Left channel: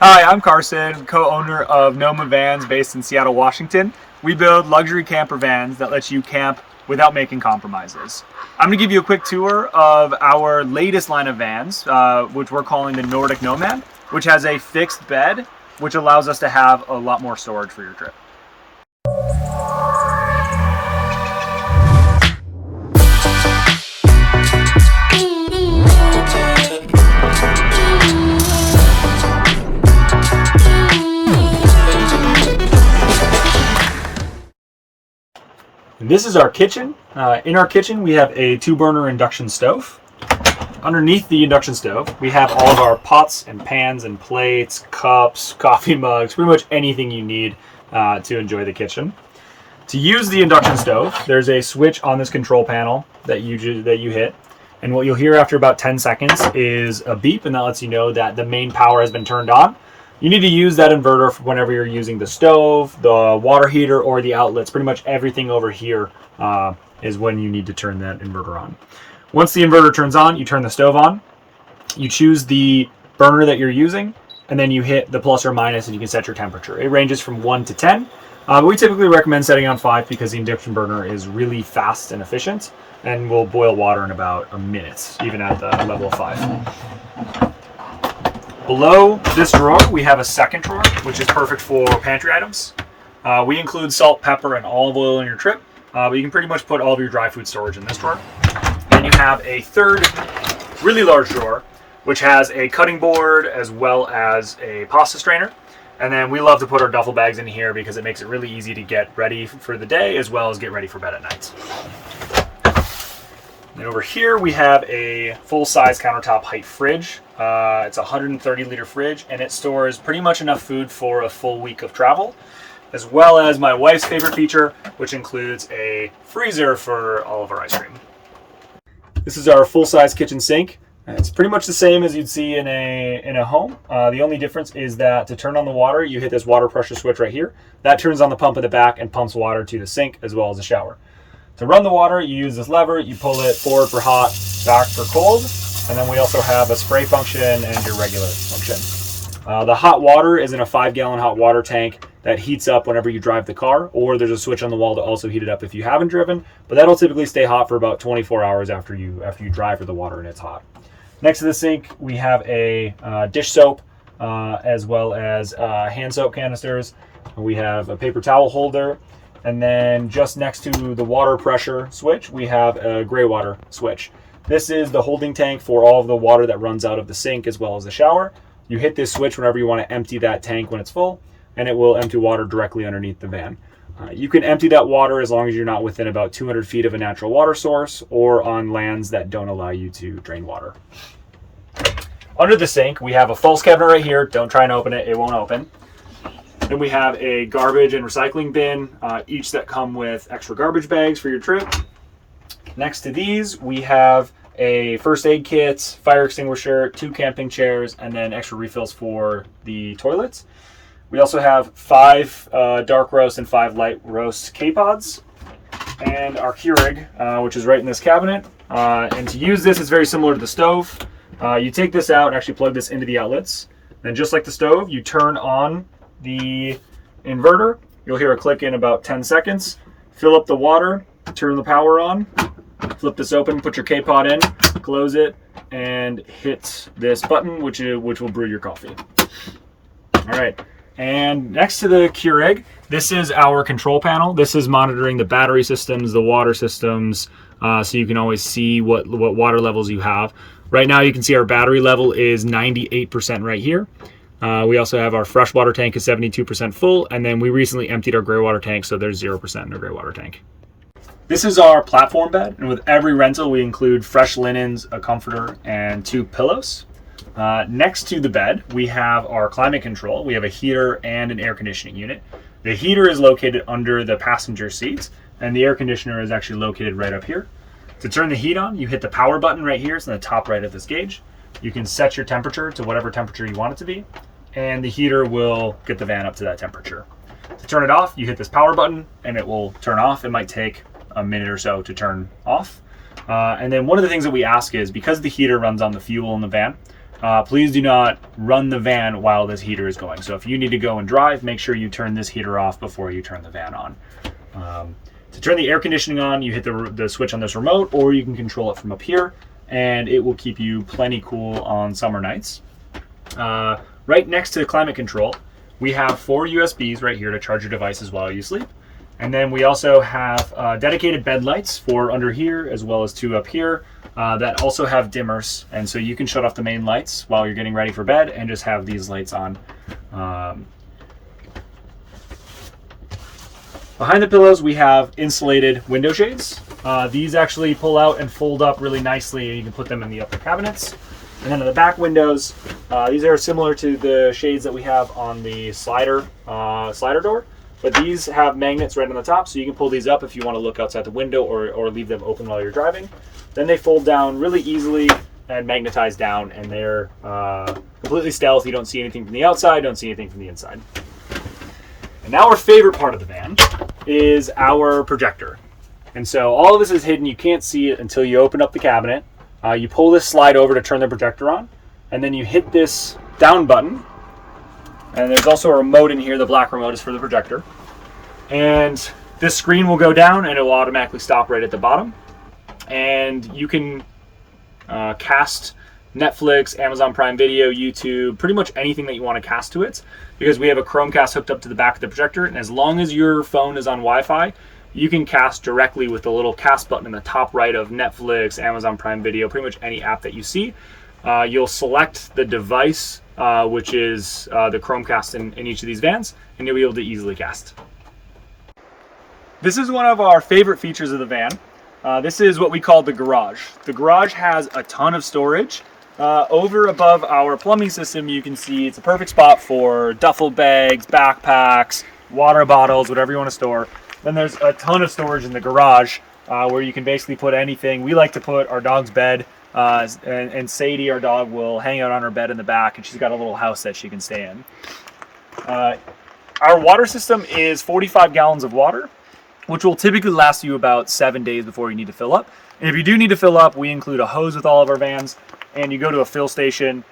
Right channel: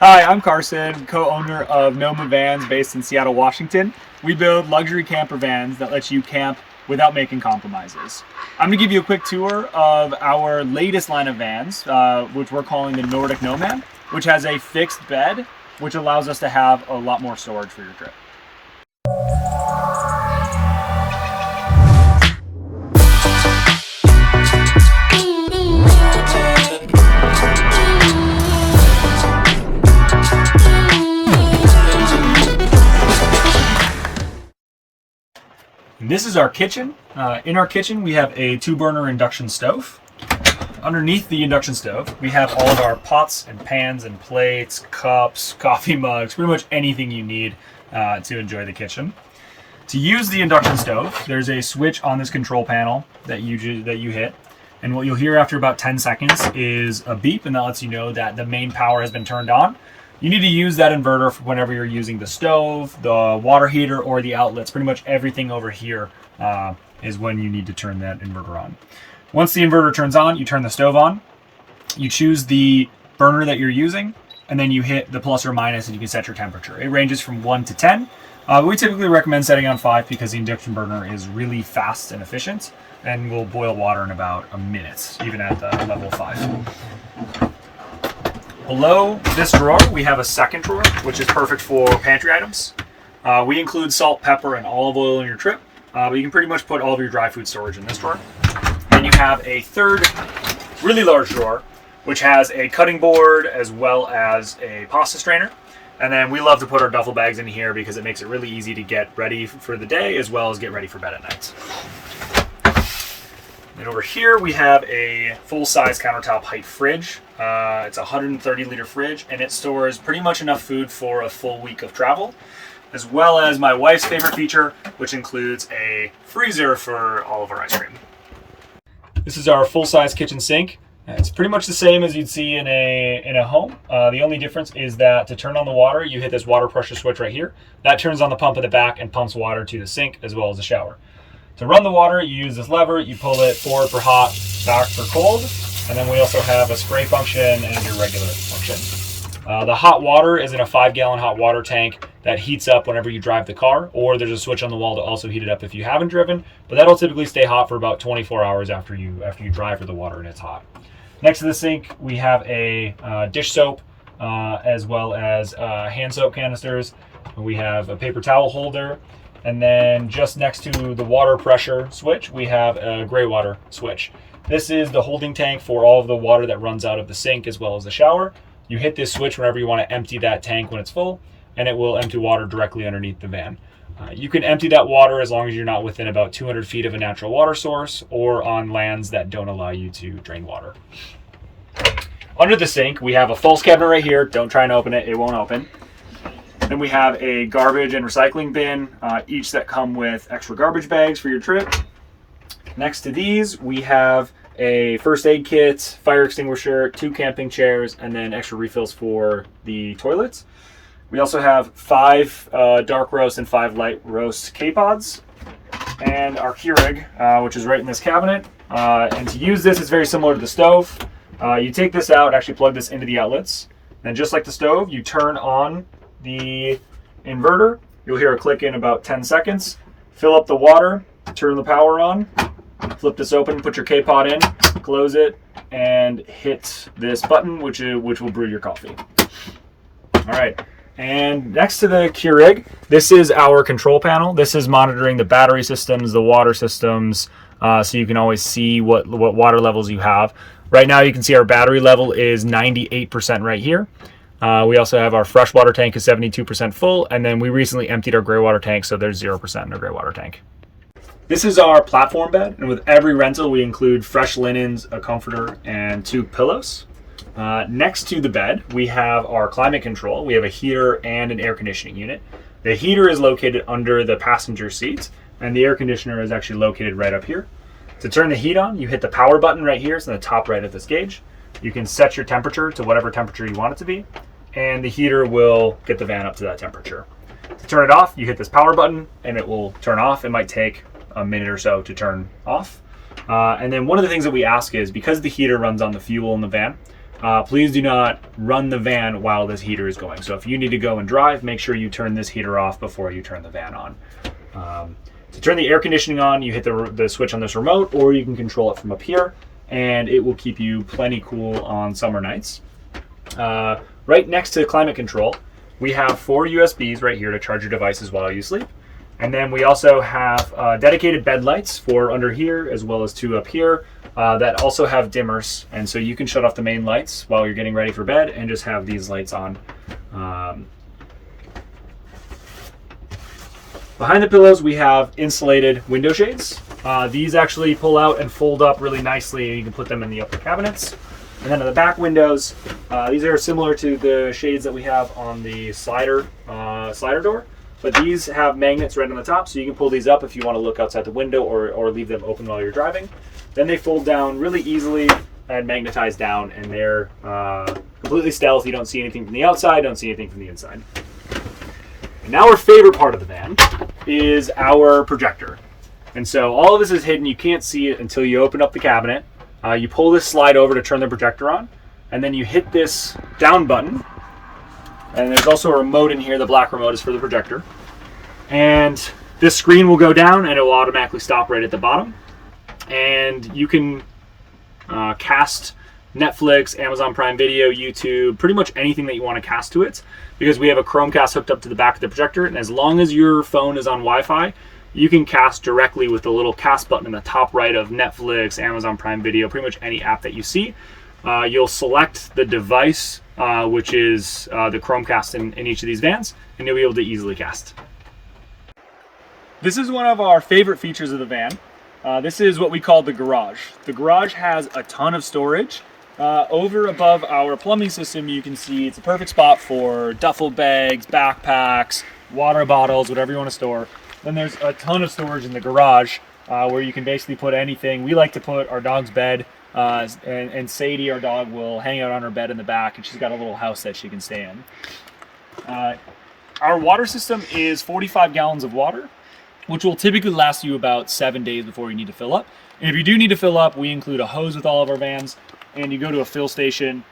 Hi, I'm Carson, co-owner of Noma Vans based in Seattle, Washington. We build luxury camper vans that let you camp without making compromises. I'm going to give you a quick tour of our latest line of vans, which we're calling the Nordic Nomad, which has a fixed bed, which allows us to have a lot more storage for your trip. This is our kitchen. In our kitchen, we have a 2-burner induction stove. Underneath the induction stove, we have all of our pots and pans and plates, cups, coffee mugs, pretty much anything you need to enjoy the kitchen. To use the induction stove, there's a switch on this control panel that you hit. And what you'll hear after about 10 seconds is a beep, and that lets you know that the main power has been turned on. You need to use that inverter for whenever you're using the stove, the water heater, or the outlets. Pretty much everything over here is when you need to turn that inverter on. Once the inverter turns on, you turn the stove on. You choose the burner that you're using, and then you hit the plus or minus, and you can set your temperature. It ranges from 1 to 10. But we typically recommend setting on 5 because the induction burner is really fast and efficient and will boil water in about a minute, even at the level of 5. Below this drawer, we have a second drawer, which is perfect for pantry items. We include salt, pepper, and olive oil in your trip, but you can pretty much put all of your dry food storage in this drawer. Then you have a third really large drawer, which has a cutting board as well as a pasta strainer. And then we love to put our duffel bags in here because it makes it really easy to get ready for the day as well as get ready for bed at night. And over here we have a full-size countertop height fridge. It's a 130-liter fridge, and it stores pretty much enough food for a full week of travel, as well as my wife's favorite feature, which includes a freezer for all of our ice cream. This is our full-size kitchen sink. It's pretty much the same as you'd see in a home. The only difference is that to turn on the water, you hit this water pressure switch right here. That turns on the pump at the back and pumps water to the sink as well as the shower. To run the water, you use this lever, you pull it forward for hot, back for cold, and then we also have a spray function and your regular function. The hot water is in a 5-gallon hot water tank that heats up whenever you drive the car, or there's a switch on the wall to also heat it up if you haven't driven, but that'll typically stay hot for about 24 hours after you drive for the water and it's hot. Next to the sink, we have a dish soap as well as hand soap canisters. We have a paper towel holder. And then just next to the water pressure switch, we have a gray water switch. This is the holding tank for all of the water that runs out of the sink as well as the shower. You hit this switch whenever you want to empty that tank when it's full, and it will empty water directly underneath the van. You can empty that water as long as you're not within about 200 feet of a natural water source or on lands that don't allow you to drain water. Under the sink, we have a false cabinet right here. Don't try and open it, it won't open. Then we have a garbage and recycling bin, each that come with extra garbage bags for your trip. Next to these, we have a first aid kit, fire extinguisher, 2 camping chairs, and then extra refills for the toilets. We also have 5 dark roast and 5 light roast K-pods, and our Keurig, which is right in this cabinet. And to use this, it's very similar to the stove. You take this out and actually plug this into the outlets. Then just like the stove, you turn on the inverter. You'll hear a click in about 10 seconds. Fill up the water, turn the power on, flip this open, put your K-pod in, close it, and hit this button, which will brew your coffee. All right. And next to the Keurig, this is our control panel. This is monitoring the battery systems, the water systems, so you can always see what water levels you have. Right now, you can see our battery level is 98% right here. We also have our freshwater tank is 72% full, and then we recently emptied our gray water tank, so there's 0% in our gray water tank. This is our platform bed, and with every rental, we include fresh linens, a comforter, and 2 pillows. Next to the bed, we have our climate control. We have a heater and an air conditioning unit. The heater is located under the passenger seat, and the air conditioner is actually located right up here. To turn the heat on, you hit the power button right here. It's in the top right of this gauge. You can set your temperature to whatever temperature you want it to be, and the heater will get the van up to that temperature. To turn it off, you hit this power button and it will turn off. It might take a minute or so to turn off. And then one of the things that we ask is, because the heater runs on the fuel in the van, please do not run the van while this heater is going. So if you need to go and drive, make sure you turn this heater off before you turn the van on. To turn the air conditioning on, you hit the switch on this remote, or you can control it from up here, and it will keep you plenty cool on summer nights. Right next to climate control, we have 4 USBs right here to charge your devices while you sleep. And then we also have dedicated bed lights for under here, as well as 2 up here that also have dimmers. And so you can shut off the main lights while you're getting ready for bed and just have these lights on. Behind the pillows, we have insulated window shades. These actually pull out and fold up really nicely. You can put them in the upper cabinets. And then in the back windows, these are similar to the shades that we have on the slider door. But these have magnets right on the top, so you can pull these up if you want to look outside the window or leave them open while you're driving. Then they fold down really easily and magnetize down, and they're completely stealth. You don't see anything from the outside, don't see anything from the inside. And now our favorite part of the van is our projector. And so all of this is hidden. You can't see it until you open up the cabinet. You pull this slide over to turn the projector on, and then you hit this down button. And there's also a remote in here. The black remote is for the projector. And this screen will go down and it will automatically stop right at the bottom. And you can cast Netflix, Amazon Prime Video, YouTube, pretty much anything that you want to cast to it, because we have a Chromecast hooked up to the back of the projector. And as long as your phone is on Wi-Fi, you can cast directly with the little cast button in the top right of Netflix, Amazon Prime Video, pretty much any app that you see. You'll select the device, which is the Chromecast in each of these vans, and you'll be able to easily cast. This is one of our favorite features of the van. This is what we call the garage. The garage has a ton of storage. Over above our plumbing system, you can see it's a perfect spot for duffel bags, backpacks, water bottles, whatever you want to store. Then there's a ton of storage in the garage where you can basically put anything. We like to put our dog's bed, and Sadie, our dog, will hang out on her bed in the back, and she's got a little house that she can stay in. Our water system is 45 gallons of water, which will typically last you about 7 days before you need to fill up. And if you do need to fill up, we include a hose with all of our vans, and you go to a fill station,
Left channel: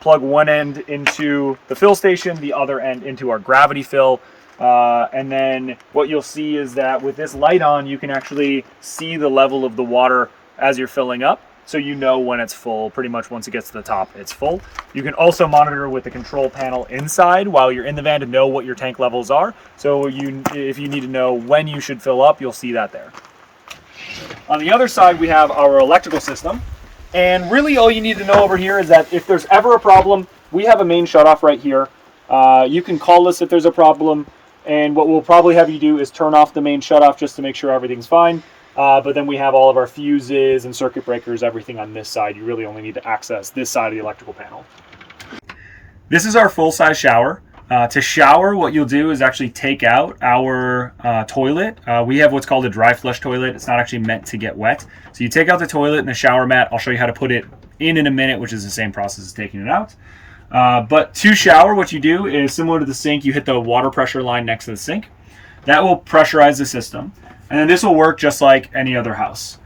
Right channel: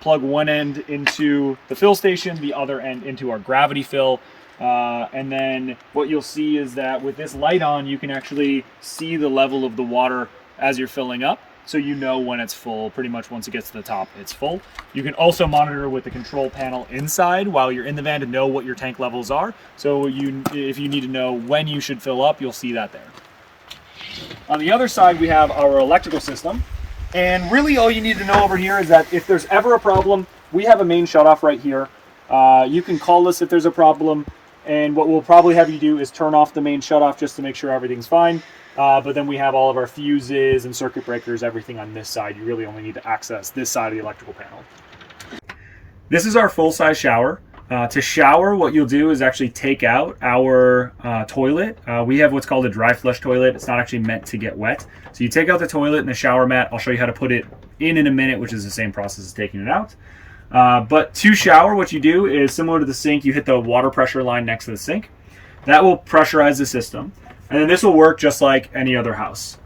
plug one end into the fill station, the other end into our gravity fill. And then what you'll see is that with this light on, you can actually see the level of the water as you're filling up. So you know when it's full. Pretty much once it gets to the top, it's full. You can also monitor with the control panel inside while you're in the van to know what your tank levels are. So if you need to know when you should fill up, you'll see that there. On the other side, we have our electrical system. And really all you need to know over here is that if there's ever a problem, we have a main shutoff right here. You can call us if there's a problem. And what we'll probably have you do is turn off the main shutoff just to make sure everything's fine. But then we have all of our fuses and circuit breakers, everything on this side. You really only need to access this side of the electrical panel. This is our full-size shower. To shower, what you'll do is actually take out our toilet. We have what's called a dry flush toilet. It's not actually meant to get wet. So you take out the toilet and the shower mat. I'll show you how to put it in a minute, which is the same process as taking it out. But to shower, what you do is similar to the sink. You hit the water pressure line next to the sink. That will pressurize the system. And then this will work just like any other house.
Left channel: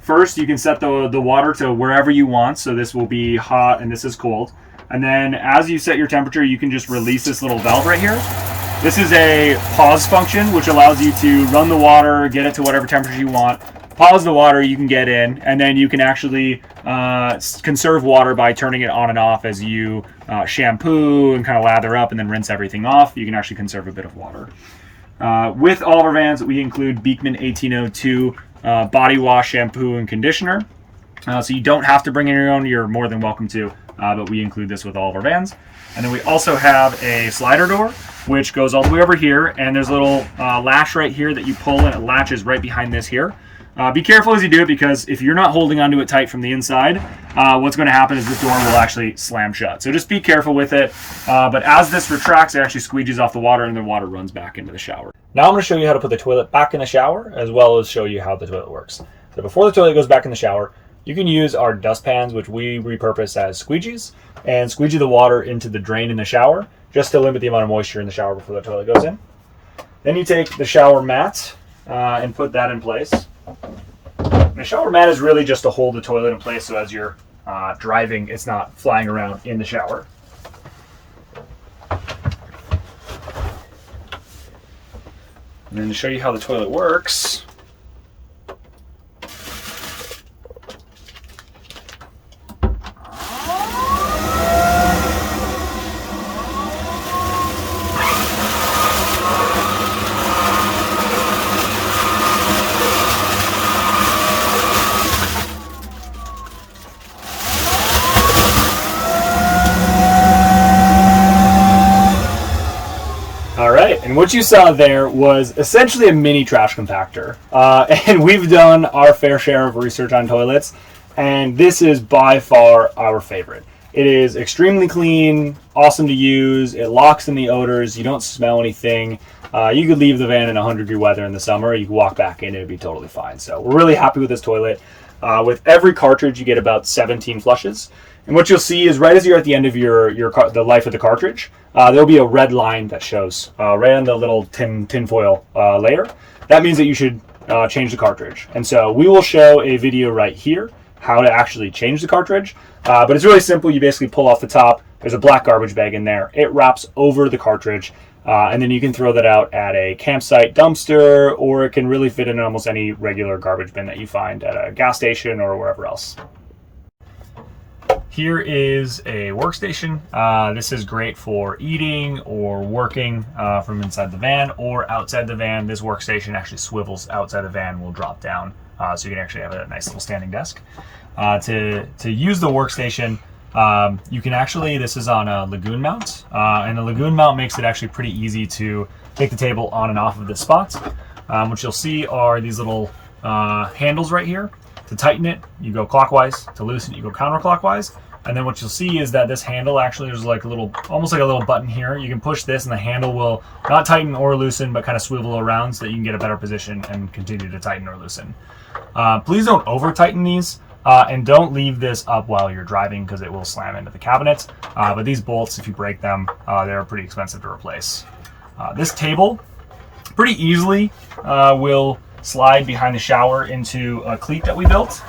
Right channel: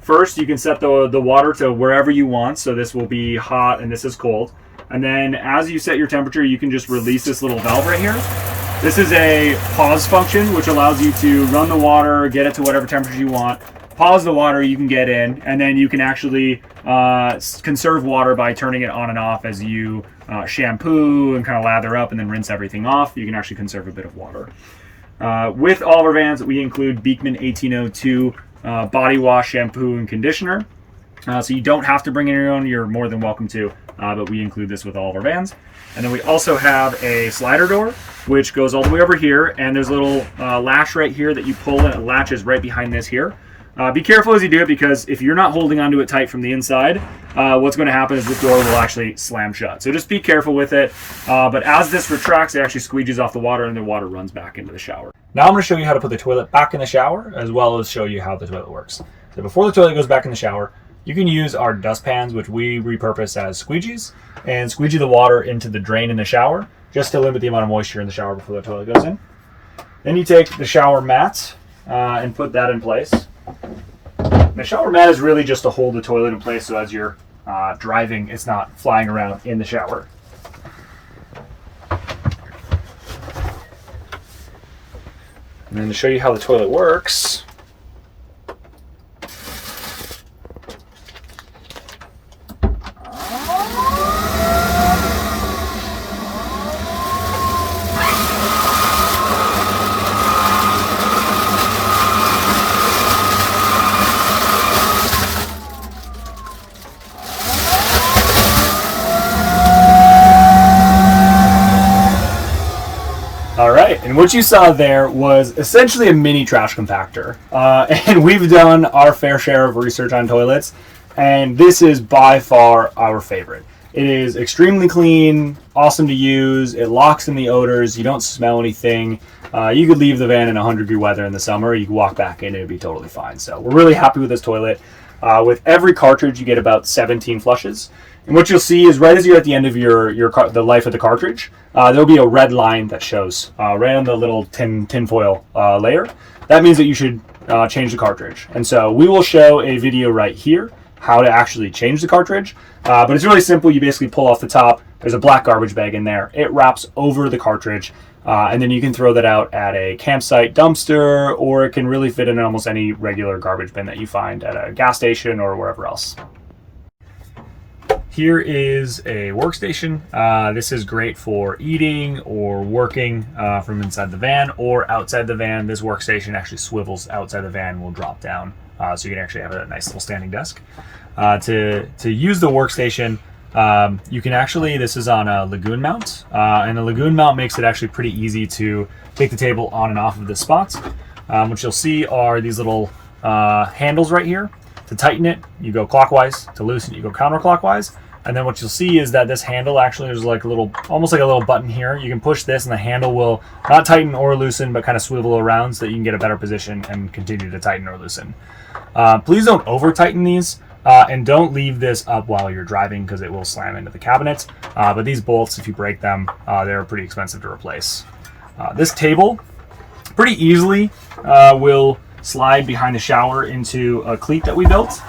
First, you can set the water to wherever you want. So this will be hot and this is cold. And then as you set your temperature, you can just release this little valve right here. This is a pause function, which allows you to run the water, get it to whatever temperature you want. Pause the water, you can get in, and then you can actually conserve water by turning it on and off as you shampoo and kind of lather up and then rinse everything off. You can actually conserve a bit of water. With all of our vans, we include Beekman 1802 body wash, shampoo, and conditioner. So you don't have to bring in your own. You're more than welcome to, but we include this with all of our vans. And then we also have a slider door, which goes all the way over here, and there's a little latch right here that you pull, and it latches right behind this here. Be careful as you do it, because if you're not holding onto it tight from the inside, what's going to happen is this door will actually slam shut. So just be careful with it. But as this retracts, it actually squeegees off the water, and the water runs back into the shower. Now I'm going to show you how to put the toilet back in the shower, as well as show you how the toilet works. So before the toilet goes back in the shower, you can use our dustpans, which we repurpose as squeegees, and squeegee the water into the drain in the shower, just to limit the amount of moisture in the shower before the toilet goes in. Then you take the shower mat and put that in place. The shower mat is really just to hold the toilet in place, so as you're driving, it's not flying around in the shower. And then to show you how the toilet works, all right, and what you saw there was essentially a mini trash compactor. And we've done our fair share of research on toilets, and this is by far our favorite. It is extremely clean, awesome to use, it locks in the odors, you don't smell anything. You could leave the van in 100-degree weather in the summer, you could walk back in and it'd be totally fine. So we're really happy with this toilet. With every cartridge, you get about 17 flushes. And what you'll see is right as you're at the end of the life of the cartridge, there'll be a red line that shows right on the little tinfoil layer. That means that you should change the cartridge. And so we will show a video right here how to actually change the cartridge. But it's really simple. You basically pull off the top. There's a black garbage bag in there. It wraps over the cartridge. And then you can throw that out at a campsite dumpster, or it can really fit in almost any regular garbage bin that you find at a gas station or wherever else. Here is a workstation. This is great for eating or working from inside the van or outside the van. This workstation actually swivels outside the van, will drop down, so you can actually have a nice little standing desk. To use the workstation, you can actually, this is on a lagoon mount, and a lagoon mount makes it actually pretty easy to take the table on and off of this spot. What you'll see are these little handles right here. To tighten it, you go clockwise. To loosen it, you go counterclockwise. And then what you'll see is that this handle actually, there's like a little, almost like a little button here. You can push this and the handle will not tighten or loosen, but kind of swivel around so that you can get a better position and continue to tighten or loosen. Please don't over tighten these, and don't leave this up while you're driving because it will slam into the cabinet. But these bolts, if you break them, they're pretty expensive to replace. This table pretty easily will slide behind the shower into a cleat that we built.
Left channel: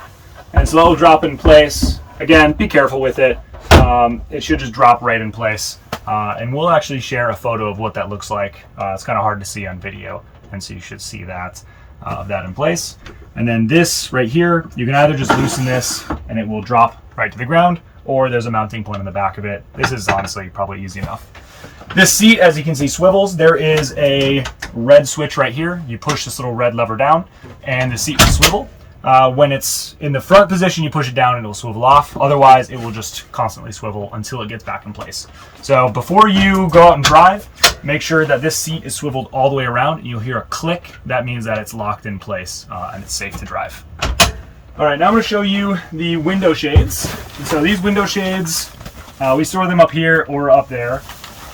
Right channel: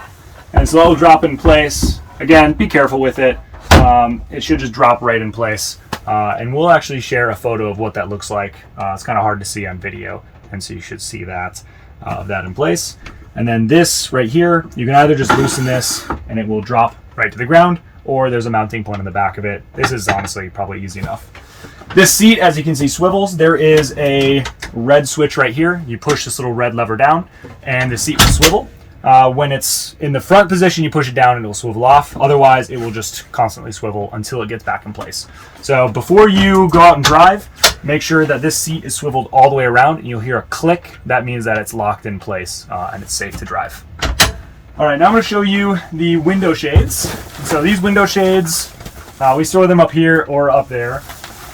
And so that will drop in place. Again, be careful with it. It should just drop right in place. And we'll actually share a photo of what that looks like. It's kind of hard to see on video, and so you should see that in place. And then this right here, you can either just loosen this and it will drop right to the ground, or there's a mounting point on the back of it. This is honestly probably easy enough. This seat, as you can see, swivels. There is a red switch right here. You push this little red lever down and the seat will swivel. When it's in the front position, you push it down and it will swivel off. Otherwise, it will just constantly swivel until it gets back in place. So before you go out and drive, make sure that this seat is swiveled all the way around and you'll hear a click. That means that it's locked in place and it's safe to drive. All right, now I'm going to show you the window shades. So these window shades, we store them up here or up there.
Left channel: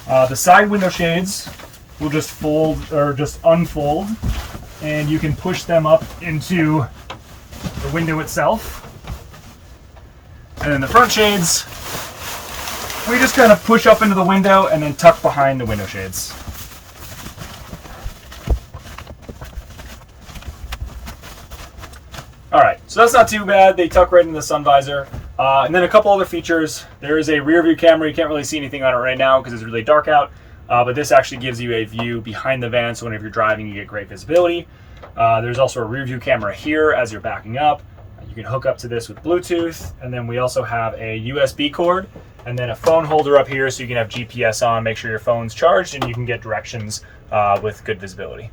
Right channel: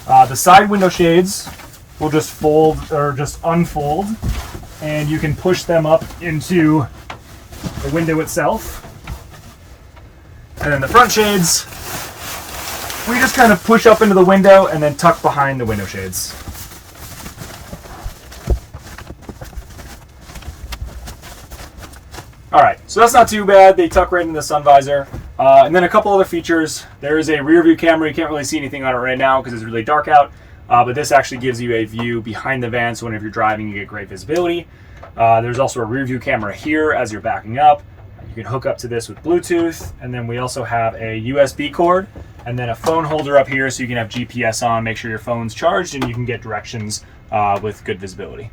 The side window shades will just fold or just unfold, and you can push them up into the window itself. And then the front shades, we just kind of push up into the window and then tuck behind the window shades. All right, so that's not too bad. They tuck right in the sun visor. And then a couple other features. There is a rear view camera. You can't really see anything on it right now because it's really dark out. But this actually gives you a view behind the van, so whenever you're driving, you get great visibility. There's also a rear view camera here as you're backing up. You can hook up to this with Bluetooth. And then we also have a USB cord and then a phone holder up here so you can have GPS on, make sure your phone's charged, and you can get directions with good visibility.